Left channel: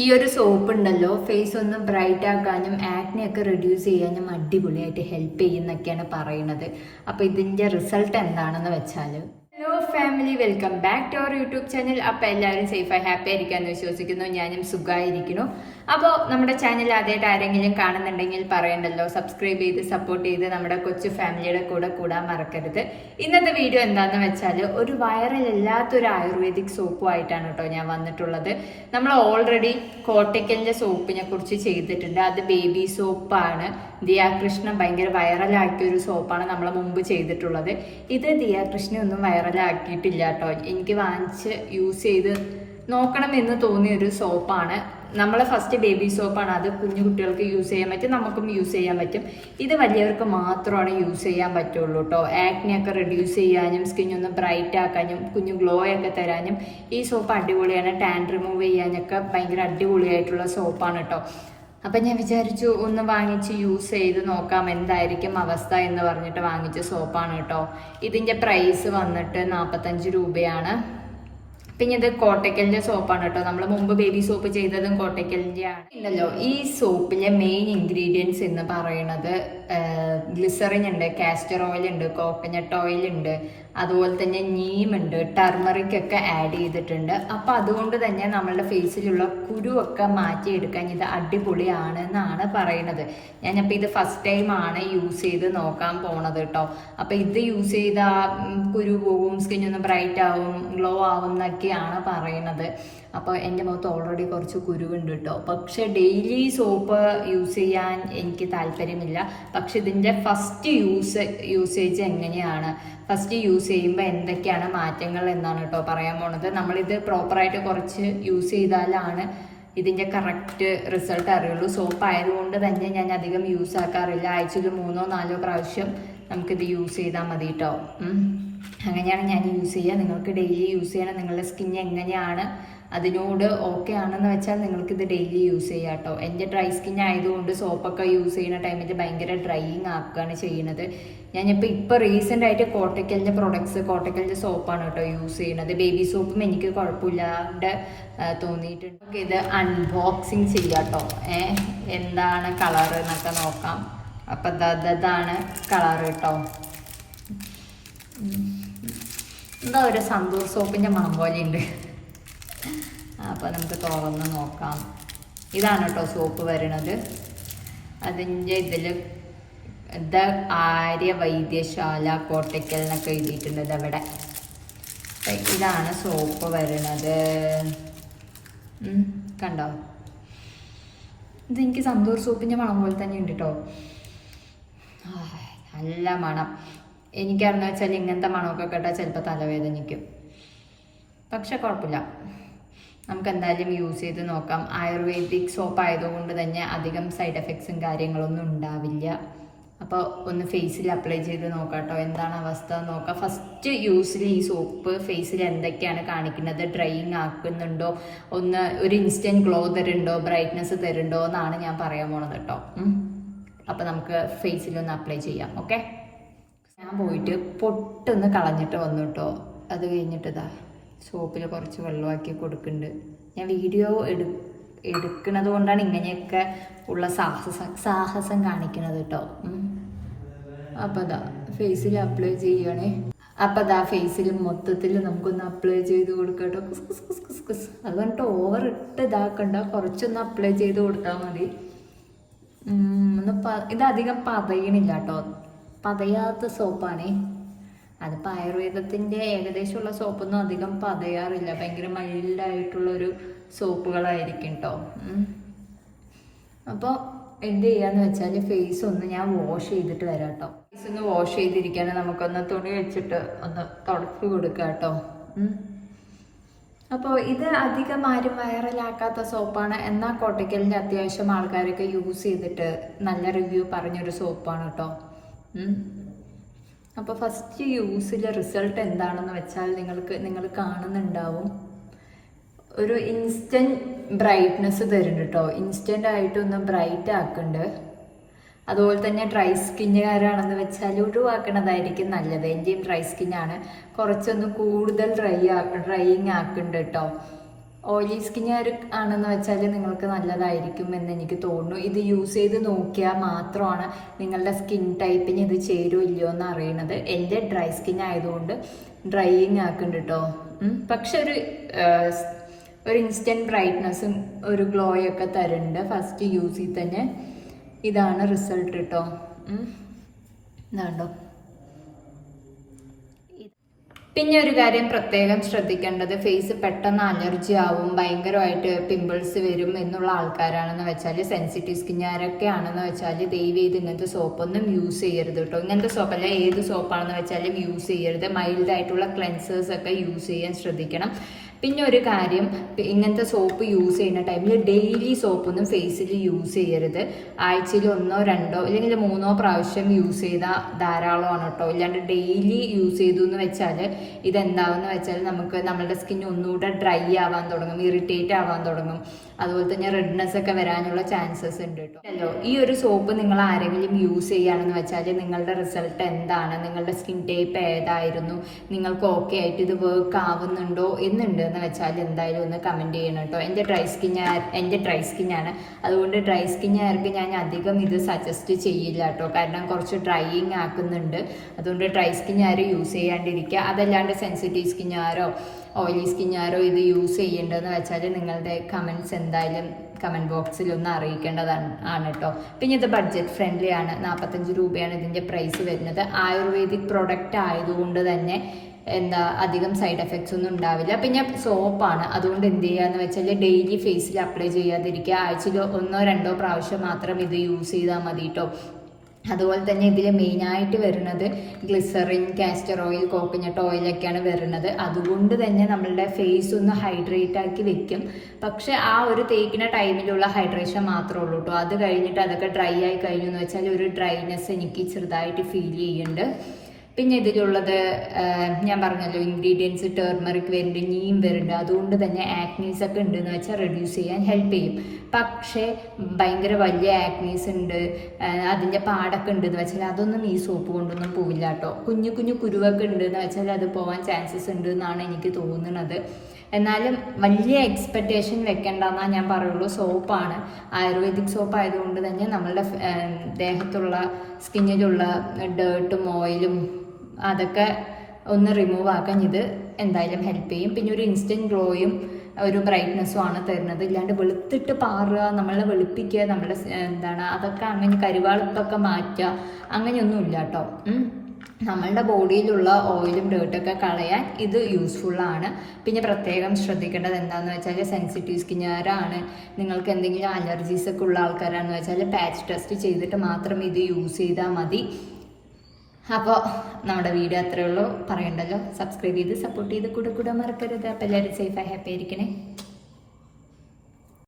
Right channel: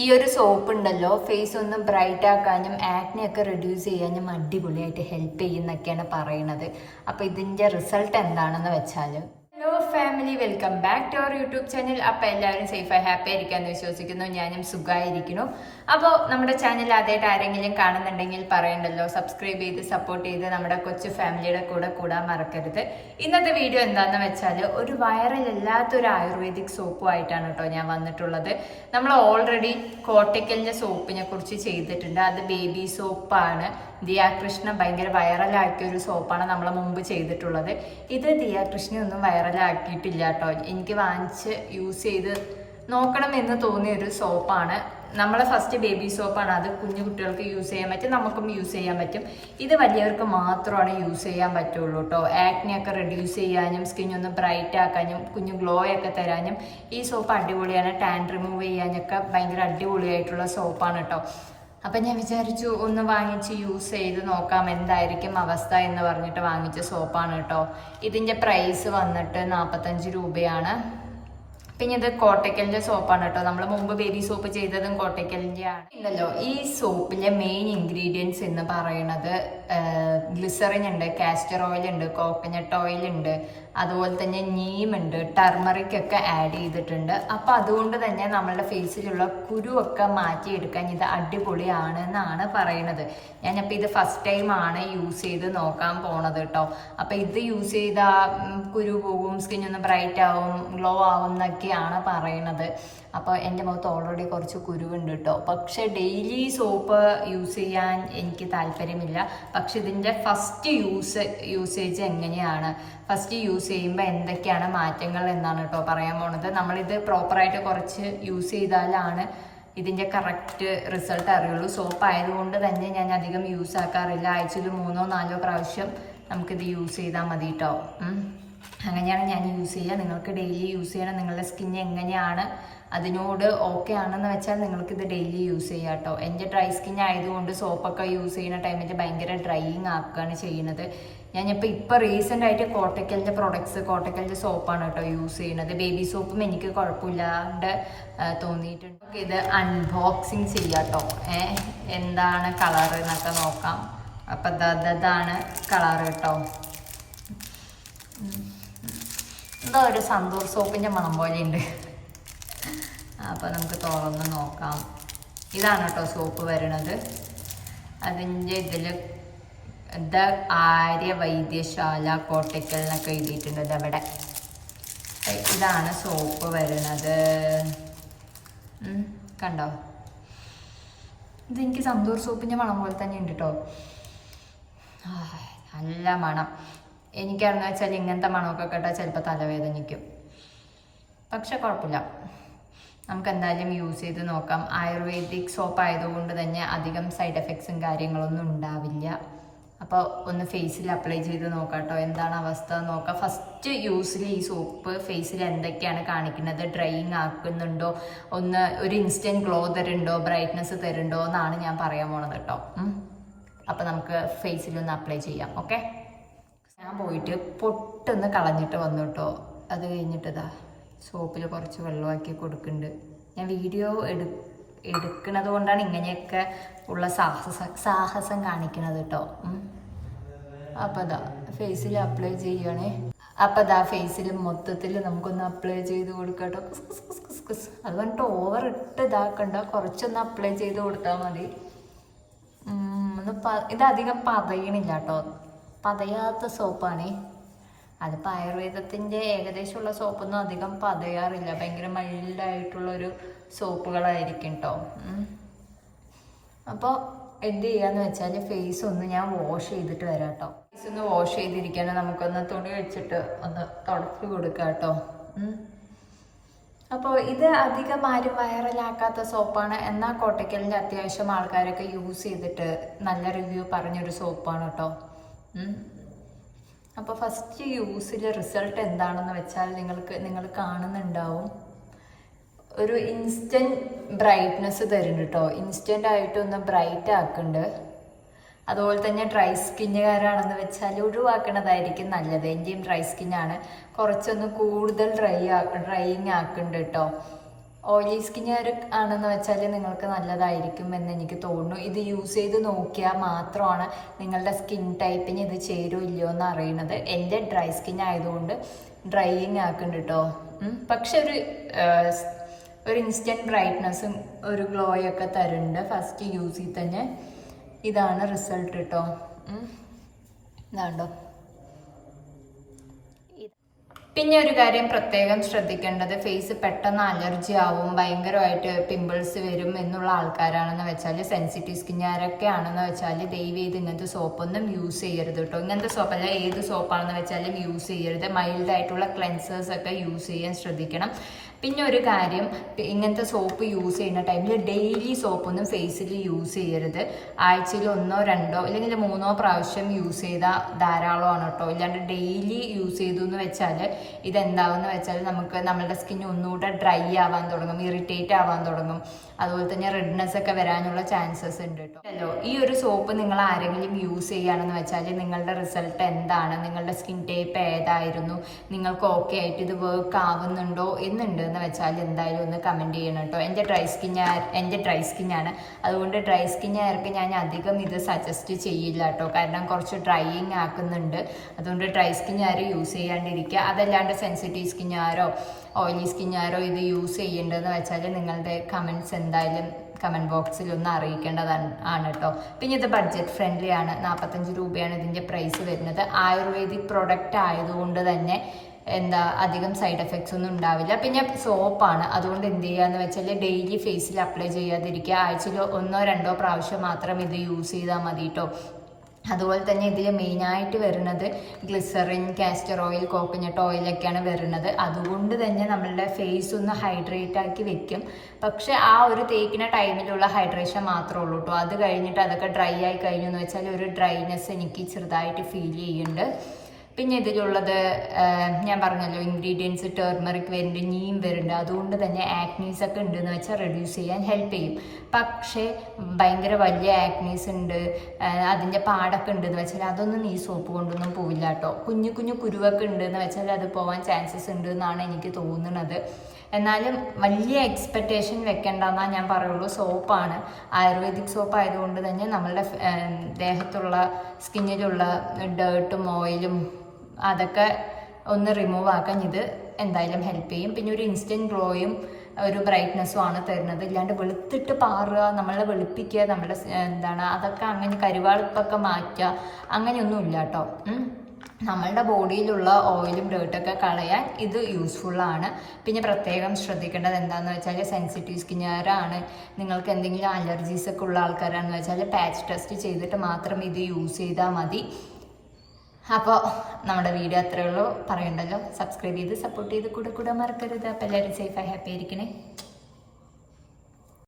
ഈ ഒരു സോപ്പ് ഉണ്ടല്ലോ ഫേസ് ഒന്ന് ബ്രൈറ്റ് ആക്കാനും ആക്നെ ഒക്കെ റെഡ്യൂസ് ചെയ്യാനും അടിപൊളിയായിട്ട് ഹെൽപ്പ് ചെയ്യുന്നൊക്കെയാണ് പറയുന്നത്. അപ്പോൾ ഇതിന്റെ റിസൾട്ട് എന്താണെന്ന് വെച്ചാൽ, hello family, welcome back to our YouTube channel. അപ്പോൾ എല്ലാവരും സേഫായി ഹാപ്പി ആയിരിക്കാമെന്ന് വിശ്വസിക്കുന്നു. ഞാനും സുഖമായിരിക്കുന്നു. അപ്പോൾ നമ്മുടെ ചാനൽ ആദ്യമായിട്ട് ആരെങ്കിലും കാണുന്നുണ്ടെങ്കിൽ പറയണ്ടല്ലോ, സബ്സ്ക്രൈബ് ചെയ്ത് സപ്പോർട്ട് ചെയ്ത് നമ്മുടെ കൊച്ചു ഫാമിലിയുടെ കൂടെ കൂടാൻ മറക്കരുത്. ഇന്നത്തെ വീഡിയോ എന്താണെന്ന് വെച്ചാൽ, ഒരു വൈറലല്ലാത്തൊരു ആയുർവേദിക് സോപ്പുമായിട്ടാണ് കേട്ടോ ഞാൻ വന്നിട്ടുള്ളത്. നമ്മൾ ഓൾറെഡി കോട്ടയ്ക്കലിൻ്റെ സോപ്പിനെ കുറിച്ച് ചെയ്തിട്ടുണ്ട്. അത് ബേബി സോപ്പാണ്. ദിയാകൃഷ്ണ ഭയങ്കര വൈറലാക്കിയ ഒരു സോപ്പാണ് നമ്മൾ മുമ്പ് ചെയ്തിട്ടുള്ളത്. ഇത് ദിയാകൃഷ്ണ ഒന്നും വൈറലാക്കിയിട്ടില്ല കേട്ടോ. എനിക്ക് വാങ്ങിച്ച് യൂസ് ചെയ്ത് നോക്കണം എന്ന് തോന്നിയ ഒരു സോപ്പാണ്. നമ്മൾ ഫസ്റ്റ് ബേബി സോപ്പാണ്. അത് കുഞ്ഞു കുട്ടികൾക്ക് യൂസ് ചെയ്യാൻ പറ്റും, നമുക്കും യൂസ് ചെയ്യാൻ പറ്റും. ഇത് വലിയവർക്ക് മാത്രമാണ് യൂസ് ചെയ്യാൻ പറ്റുള്ളൂ കേട്ടോ. ആക്നെയൊക്കെ റെഡ്യൂസ് ചെയ്യാനും സ്കിന്നൊന്ന് ബ്രൈറ്റ് ആക്കാനും കുഞ്ഞു ഗ്ലോ ഒക്കെ തരാനും ഈ സോപ്പ് അടിപൊളിയാണ്. ടാൻ റിമൂവ് ചെയ്യാനൊക്കെ ഭയങ്കര അടിപൊളിയായിട്ടുള്ള സോപ്പാണ് കേട്ടോ. അപ്പം ഞാൻ വിചാരിച്ചു ഒന്ന് വാങ്ങിച്ച് യൂസ് ചെയ്ത് നോക്കാം എന്തായിരിക്കും അവസ്ഥ എന്ന് പറഞ്ഞിട്ട് വാങ്ങിച്ച സോപ്പാണ് കേട്ടോ. ഇതിൻ്റെ പ്രൈസ് വന്നിട്ട് 45 രൂപയാണ്. പിന്നെ ഇത് കോട്ടയ്ക്കലിൻ്റെ സോപ്പാണ് കേട്ടോ. നമ്മൾ മുമ്പ് ബേബി സോപ്പ് ചെയ്തതും കോട്ടയ്ക്കലിൻ്റെ ആണ്. ഇല്ലല്ലോ, ഈ സോപ്പിലെ മെയിൻ ഇൻഗ്രീഡിയൻസ് എന്ന് പറയുന്നത് ഗ്ലിസറിൻ ഉണ്ട്, കാസ്റ്റർ ഓയിൽ ഉണ്ട്, കോക്കനട്ട് ഓയിൽ ഉണ്ട്, അതുപോലെ തന്നെ നീമുണ്ട്, ടർമറിക് ഒക്കെ ആഡ് ചെയ്തിട്ടുണ്ട്. അപ്പം അതുകൊണ്ട് തന്നെ നമ്മളുടെ ഫേസിലുള്ള കുരുവൊക്കെ മാറ്റിയെടുക്കാൻ ഇത് അടിപൊളിയാണെന്നാണ് പറയുന്നത്. ഞാനപ്പോൾ ഇത് ഫസ്റ്റ് ടൈമാണ് യൂസ് ചെയ്ത് നോക്കാൻ പോണത് കേട്ടോ. അപ്പം ഇത് യൂസ് ചെയ്താൽ കുരു പോകും, സ്കിന്നൊന്ന് ബ്രൈറ്റ് ആവും, ഗ്ലോ ആവും എന്നൊക്കെയാണ് പറയുന്നത്. അപ്പോൾ എൻ്റെ മുഖത്ത് ഓൾറെഡി കുറച്ച് കുരുവുണ്ട് കേട്ടോ. പക്ഷെ ഡെയിലി സോപ്പ് യൂസ് ചെയ്യാൻ എനിക്ക് താല്പര്യമില്ല. പക്ഷെ ഇതിൻ്റെ ഫസ്റ്റ് യൂസേജ് എങ്ങനെയാണ്, ഫസ്റ്റ് യൂസ് ചെയ്യുമ്പോൾ എന്തൊക്കെയാണ് മാറ്റങ്ങൾ എന്നാണ് കേട്ടോ പറയാൻ പോണത്. നമ്മളിത് പ്രോപ്പറായിട്ട് കുറച്ച് യൂസ് ചെയ്താലാണ് ഇതിൻ്റെ കറക്റ്റ് റിസൾട്ട് അറിയുള്ളൂ. സോപ്പ് ആയതുകൊണ്ട് തന്നെ ഞാൻ അധികം യൂസ് ആക്കാറില്ല. ആഴ്ചയിൽ 3-4 പ്രാവശ്യം നമുക്കിത് യൂസ് ചെയ്താൽ മതി കേട്ടോ. അങ്ങനെയാണ് ഞാൻ യൂസ് ചെയ്യുക. നിങ്ങൾക്ക് ഡെയിലി യൂസ് ചെയ്യണം. നിങ്ങളുടെ സ്കിൻ എങ്ങനെയാണ് അതിനോട് ഓക്കെ ആണെന്ന് വെച്ചാൽ നിങ്ങൾക്കിത് ഡെയിലി യൂസ് ചെയ്യാം കേട്ടോ. എൻ്റെ ഡ്രൈ സ്കിൻ ആയതുകൊണ്ട് സോപ്പൊക്കെ യൂസ് ചെയ്യുന്ന ടൈമിൽ ഭയങ്കര ഡ്രൈയിങ് ആക്കുകയാണ് ചെയ്യുന്നത്. ഇപ്പോൾ റീസെൻ്റ് ആയിട്ട് കോട്ടയ്ക്കലിൻ്റെ കോട്ടയ്ക്കലിൻ്റെ സോപ്പാണ് കേട്ടോ യൂസ് ചെയ്യുന്നത്. ബേബി സോപ്പും എനിക്ക് കുഴപ്പമില്ലാണ്ട് തോന്നിയിട്ടുണ്ട്. ഇത് അൺബോക്സിങ് ചെയ്യാം കേട്ടോ. എന്താണ് കളർ എന്നൊക്കെ നോക്കാം. അപ്പം അതാണ് കളർ കേട്ടോ. എന്താ ഒരു സന്തൂർ സോപ്പിൻ്റെ മണം പോലെയുണ്ട്. അപ്പോൾ നമുക്ക് തുറന്ന് നോക്കാം. ഇതാണ് കേട്ടോ സോപ്പ് വരുന്നത്. അതിൻ്റെ ഇതിൽ ആര്യ വൈദ്യശാല കോട്ടയ്ക്കൽ എന്നൊക്കെ എഴുതിയിട്ടുണ്ട്. ഇതവിടെ ഇതാണ് സോപ്പ് വരുന്നത്. കണ്ടോ, ഇതെനിക്ക് സന്തൂർ സോപ്പിൻ്റെ മണം പോലെ തന്നെ ഉണ്ട് കേട്ടോ. നല്ല മണം. എനിക്കറിഞ്ഞു വെച്ചാൽ ഇങ്ങനത്തെ മണമൊക്കെ കേട്ടാൽ ചിലപ്പോൾ തലവേദനിക്കും. പക്ഷെ കുഴപ്പമില്ല, നമുക്ക് എന്തായാലും യൂസ് ചെയ്ത് നോക്കാം. ആയുർവേദിക് സോപ്പ് ആയതുകൊണ്ട് തന്നെ അധികം സൈഡ് എഫക്ട്സും കാര്യങ്ങളൊന്നും ഉണ്ടാവില്ല. അപ്പോൾ ഒന്ന് ഫേസിൽ അപ്ലൈ ചെയ്ത് നോക്കാം കേട്ടോ, എന്താണ് അവസ്ഥ നോക്കാം. ഫസ്റ്റ് യൂസിൽ ഈ സോപ്പ് ഫേസിൽ എന്തൊക്കെയാണ് കാണിക്കുന്നത്, ഡ്രൈയിങ് ആക്കുന്നുണ്ടോ, ഒരു ഇൻസ്റ്റൻറ്റ് ഗ്ലോ തരുന്നുണ്ടോ, ബ്രൈറ്റ്നസ് തരുന്നുണ്ടോ എന്നാണ് ഞാൻ പറയാൻ പോണത് കേട്ടോ. അപ്പോൾ നമുക്ക് ഫേസിലൊന്ന് അപ്ലൈ ചെയ്യാം. ഓക്കെ, ഞാൻ പോയിട്ട് പൊട്ടൊന്ന് കളഞ്ഞിട്ട് വന്നു കേട്ടോ. അത് കഴിഞ്ഞിട്ട് ഇതാ സോപ്പിൽ കുറച്ച് വെള്ളമാക്കി കൊടുക്കുന്നുണ്ട്. ഞാൻ വീഡിയോ എടുക്കുന്നത് കൊണ്ടാണ് ഇങ്ങനെയൊക്കെ ഉള്ള സാഹസം കാണിക്കുന്നത് കേട്ടോ. അപ്പോൾ ഇതാ ഫേസിൽ അപ്ലൈ ചെയ്യണേ. അപ്പോൾ ഇതാ ഫേസിൽ മൊത്തത്തിൽ നമുക്കൊന്ന് അപ്ലൈ ചെയ്ത് കൊടുക്കാം കേട്ടോ. കുസ് അത് പറഞ്ഞിട്ട് ഓവർ ഇട്ട് ഇതാക്കണ്ട, കുറച്ചൊന്ന് അപ്ലൈ ചെയ്ത് കൊടുത്താൽ മതി. ഇതധികം പതയണില്ല കേട്ടോ, പതയാത്ത സോപ്പാണേ. അതിപ്പോൾ ആയുർവേദത്തിൻ്റെ ഏകദേശമുള്ള സോപ്പൊന്നും അധികം പതയാറില്ല. ഭയങ്കര മൈൽഡായിട്ടുള്ളൊരു സോപ്പുകളായിരിക്കും കേട്ടോ. അപ്പോൾ എന്ത് ചെയ്യാന്ന് വെച്ചാൽ ഫേസ് ഒന്ന് ഞാൻ വാഷ് ചെയ്തിട്ട് വരാം കേട്ടോ. ഫേസ് ഒന്ന് വാഷ് ചെയ്തിരിക്കാനും നമുക്കൊന്ന് തുണി വെച്ചിട്ട് ഒന്ന് തുടച്ച് കൊടുക്കാം കേട്ടോ. അപ്പോൾ ഇത് അധികം ആരും വൈറലാക്കാത്ത സോപ്പാണ്. എന്നാൽ കോട്ടയ്ക്കലിൻ്റെ അത്യാവശ്യം ആൾക്കാരൊക്കെ യൂസ് ചെയ്തിട്ട് നല്ല റിവ്യൂ പറഞ്ഞൊരു സോപ്പാണ് കേട്ടോ. അപ്പോൾ ഫസ്റ്റ് യൂസിലെ റിസൾട്ട് എന്താണെന്ന് വെച്ചാൽ നിങ്ങൾ കാണുന്നുണ്ടാവും. ഒരു ഇൻസ്റ്റൻറ്റ് ബ്രൈറ്റ്നസ് തരുന്നുണ്ട് കേട്ടോ. ഇൻസ്റ്റൻ്റ് ആയിട്ടൊന്ന് ബ്രൈറ്റ് ആക്കുന്നുണ്ട്. അതുപോലെ തന്നെ ഡ്രൈ സ്കിന്നുകാരാണെന്ന് വെച്ചാൽ ഒഴിവാക്കണതായിരിക്കും നല്ലത്. എൻ്റെയും ഡ്രൈ സ്കിന്നാണ്. കുറച്ചൊന്ന് കൂടുതൽ ഡ്രൈയിങ് ആക്കുന്നുണ്ട് കേട്ടോ. ഓയിലി സ്കിന്നുകാർ ആണെന്ന് വെച്ചാൽ നിങ്ങൾക്ക് നല്ലതായിരിക്കും എന്ന് എനിക്ക് തോന്നുന്നു. ഇത് യൂസ് ചെയ്ത് നോക്കിയാൽ മാത്രമാണ് നിങ്ങളുടെ സ്കിൻ ടൈപ്പിന് ഇത് ചേരുമോ ഇല്ലയോ എന്ന് അറിയണത്. എൻ്റെ ഡ്രൈ സ്കിൻ ആയതുകൊണ്ട് ഡ്രൈയിങ് ആക്കുന്നുണ്ട് കേട്ടോ. പക്ഷെ ഒരു ഇൻസ്റ്റൻറ്റ് ബ്രൈറ്റ്നസ്സും ഒരു ഗ്ലോയൊക്കെ തരുന്നുണ്ട് ഫസ്റ്റ് യൂസിൽ തന്നെ. ഇതാണ് റിസൾട്ട് കേട്ടോ. ഇതാണ്ടോ. പിന്നെ ഒരു കാര്യം പ്രത്യേകം ശ്രദ്ധിക്കേണ്ടത്, ഫേസ് പെട്ടെന്ന് അലർജി ആവും, ഭയങ്കരമായിട്ട് പിമ്പിൾസ് വരും എന്നുള്ള ആൾക്കാരാണെന്ന് വെച്ചാൽ, സെൻസിറ്റീവ് സ്കിന്നുകാരൊക്കെ ആണെന്ന് വെച്ചാൽ ദയവ് ചെയ്ത് ഇങ്ങനത്തെ സോപ്പൊന്നും യൂസ് ചെയ്യരുത് കേട്ടോ. ഇങ്ങനത്തെ സോപ്പല്ല, ഏത് സോപ്പാണെന്ന് വെച്ചാലും യൂസ് ചെയ്യരുത്. മൈൽഡായിട്ടുള്ള ക്ലെൻസേഴ്സ് ഒക്കെ യൂസ് ചെയ്യാൻ ശ്രദ്ധിക്കണം. പിന്നെ ഒരു കാര്യം, ഇങ്ങനത്തെ സോപ്പ് യൂസ് ചെയ്യുന്ന ടൈമിൽ ഡെയിലി സോപ്പൊന്നും ഫേസിൽ യൂസ് ചെയ്യരുത്. ആഴ്ചയിൽ 1 2 അല്ലെങ്കിൽ 3 പ്രാവശ്യം യൂസ് ചെയ്താൽ ധാരാളമാണ് കേട്ടോ. ഇല്ലാണ്ട് ഡെയിലി യൂസ് ചെയ്തു എന്ന് വെച്ചാൽ ഇതെന്താവെന്ന് വെച്ചാൽ നമുക്ക് നമ്മളുടെ സ്കിൻ ഒന്നുകൂടെ ഡ്രൈ ആവാൻ തുടങ്ങും, ഇറിറ്റേറ്റ് ആവാൻ തുടങ്ങും. അതുപോലെ തന്നെ റെഡ്നെസ് ഒക്കെ വരാനുള്ള ചാൻസസ് ഉണ്ട് കേട്ടോ. അല്ലോ, ഈ ഒരു സോപ്പ് നിങ്ങൾ ആരെങ്കിലും യൂസ് ചെയ്യുകയാണെന്ന് വെച്ചാൽ നിങ്ങളുടെ റിസൾട്ട് എന്താണ്, നിങ്ങളുടെ സ്കിൻ ടൈപ്പ് ഏതായിരുന്നു, നിങ്ങൾക്ക് ഓക്കെ ആയിട്ട് ഇത് വർക്ക് ആവുന്നുണ്ടോ എന്നുണ്ട് എന്ന് വെച്ചാൽ എന്തായാലും ഒന്ന് കമൻറ്റ് ചെയ്യണം കേട്ടോ. എൻ്റെ ഡ്രൈ സ്കിന്നാണ്, അതുകൊണ്ട് ഡ്രൈ സ്കിന്നുകാർക്ക് ഞാൻ അധികം ഇത് സജസ്റ്റ് ചെയ്യില്ല കേട്ടോ. കാരണം കുറച്ച് ഡ്രൈയിങ് ആക്കുന്നുണ്ട്. അതുകൊണ്ട് ഡ്രൈ സ്കിന്നുകാർ യൂസ് ചെയ്യാണ്ടിരിക്കുക. അതല്ലാണ്ട് സെൻസിറ്റീവ് സ്കിന്നുകാരോ ഓയിലി സ്കിന്നുകാരോ ഇത് യൂസ് ചെയ്യേണ്ടതെന്ന് വെച്ചാൽ നിങ്ങളുടെ കമൻറ്റ്സ് എന്തായാലും കമൻറ്റ് ബോക്സിൽ ഒന്ന് അറിയിക്കേണ്ടതാണ് കേട്ടോ. പിന്നെ ഇത് ബഡ്ജറ്റ് ഫ്രണ്ട്ലി ആണ്. 45 രൂപയാണ് ഇതിൻ്റെ പ്രൈസ് വരുന്നത്. ആയുർവേദിക് പ്രൊഡക്റ്റ് ആയതുകൊണ്ട് തന്നെ അധികം സൈഡ് എഫക്ട്സ് ഒന്നും ഉണ്ടാവില്ല. പിന്നെ സോപ്പാണ്, അതുകൊണ്ട് എന്ത് ചെയ്യാന്ന് വെച്ചാൽ ഡെയിലി ഫേസിൽ അപ്ലൈ ചെയ്യാതിരിക്കുക. ആഴ്ചയിൽ 1 2 പ്രാവശ്യം മാത്രം ഇത് യൂസ് ചെയ്താൽ മതി കേട്ടോ. അതുപോലെ തന്നെ ഇതിൽ മെയിനായിട്ട് വരുന്നത് ഗ്ലിസറിൻ, കാസ്റ്റർ ഓയിൽ, കോക്കനട്ട് ഓയിലൊക്കെയാണ് വരുന്നത്. അതുകൊണ്ട് തന്നെ നമ്മളുടെ ഫേസ് ഒന്ന് ഹൈഡ്രേറ്റ് ആക്കി വെക്കും. പക്ഷെ ആ ഒരു തേക്കുന്ന ടൈമിലുള്ള ഹൈഡ്രേഷൻ മാത്രമേ ഉള്ളൂ കേട്ടോ. അത് കഴിഞ്ഞിട്ട് അതൊക്കെ ഡ്രൈ ആയി കഴിഞ്ഞു എന്ന് വെച്ചാൽ ഒരു ഡ്രൈനെസ് എനിക്ക് ചെറുതായിട്ട് ഫീൽ ചെയ്യുന്നുണ്ട്. പിന്നെ ഇതിലുള്ളത് ഞാൻ പറഞ്ഞല്ലോ, ഇൻഗ്രീഡിയൻസ് ടേർമറിക് വരുന്നുണ്ട്, നീം വരുന്നുണ്ട്. അതുകൊണ്ട് തന്നെ ആക്നീസ് ഒക്കെ ഉണ്ടെന്ന് വെച്ചാൽ റെഡ്യൂസ് ചെയ്യാൻ ഹെൽപ്പ് ചെയ്യും. പക്ഷേ ഭയങ്കര വലിയ ആക്നീസ് ഉണ്ട്, അതിൻ്റെ പാടൊക്കെ ഉണ്ടെന്ന് വെച്ചാൽ അതൊന്നും ഈ സോപ്പ് കൊണ്ടൊന്നും പോവില്ല കേട്ടോ. കുഞ്ഞു കുഞ്ഞു കുരുവൊക്കെ ഉണ്ടെന്ന് വെച്ചാൽ അത് പോകാൻ ചാൻസസ് ഉണ്ട് എന്നാണ് എനിക്ക് തോന്നുന്നത്. എന്നാലും വലിയ എക്സ്പെക്റ്റേഷൻ വെക്കേണ്ടെന്നാണ് ഞാൻ പറയുള്ളൂ. സോപ്പാണ്, ആയുർവേദിക് സോപ്പ് ആയതുകൊണ്ട് തന്നെ നമ്മളുടെ ദേഹത്തുള്ള സ്കിന്നിലുള്ള ഡേർട്ടും ഓയിലും അതൊക്കെ ഒന്ന് റിമൂവ് ആക്കാൻ ഇത് എന്തായാലും ഹെൽപ്പ് ചെയ്യും. പിന്നെ ഒരു ഇൻസ്റ്റൻറ്റ് ഗ്ലോയും ഒരു ബ്രൈറ്റ്നെസ്സും ആണ് തരുന്നത്. ഇല്ലാണ്ട് വെളുത്തിട്ട് പാറുക, നമ്മളെ വെളുപ്പിക്കുക, നമ്മുടെ അതൊക്കെ അങ്ങനെ കരുവാളിപ്പൊക്കെ മാറ്റുക, അങ്ങനെയൊന്നും ഇല്ല കേട്ടോ. നമ്മളുടെ ബോഡിയിലുള്ള ഓയിലും ഡേർട്ടൊക്കെ കളയാൻ ഇത് യൂസ്ഫുള്ളാണ്. പിന്നെ പ്രത്യേകം ശ്രദ്ധിക്കേണ്ടത് എന്താണെന്ന് വെച്ചാൽ, സെൻസിറ്റീവ് സ്കിന്നുകാരാണ്, നിങ്ങൾക്ക് എന്തെങ്കിലും അലർജീസ് ഒക്കെ ഉള്ള ആൾക്കാരാണെന്ന് വെച്ചാൽ പാച്ച് ടെസ്റ്റ് ചെയ്തിട്ട് മാത്രം ഇത് യൂസ് ചെയ്താൽ മതി. അപ്പോൾ നമ്മുടെ വീഡിയോ അത്രയേ ഉള്ളൂ, പറയണ്ടല്ലോ. സബ്സ്ക്രൈബ് ചെയ്ത് സപ്പോർട്ട് ചെയ്ത് കൂടെ മറക്കരുത്. അപ്പോൾ എല്ലാവരും സേഫായി ഹാപ്പി ആയിരിക്കണേ.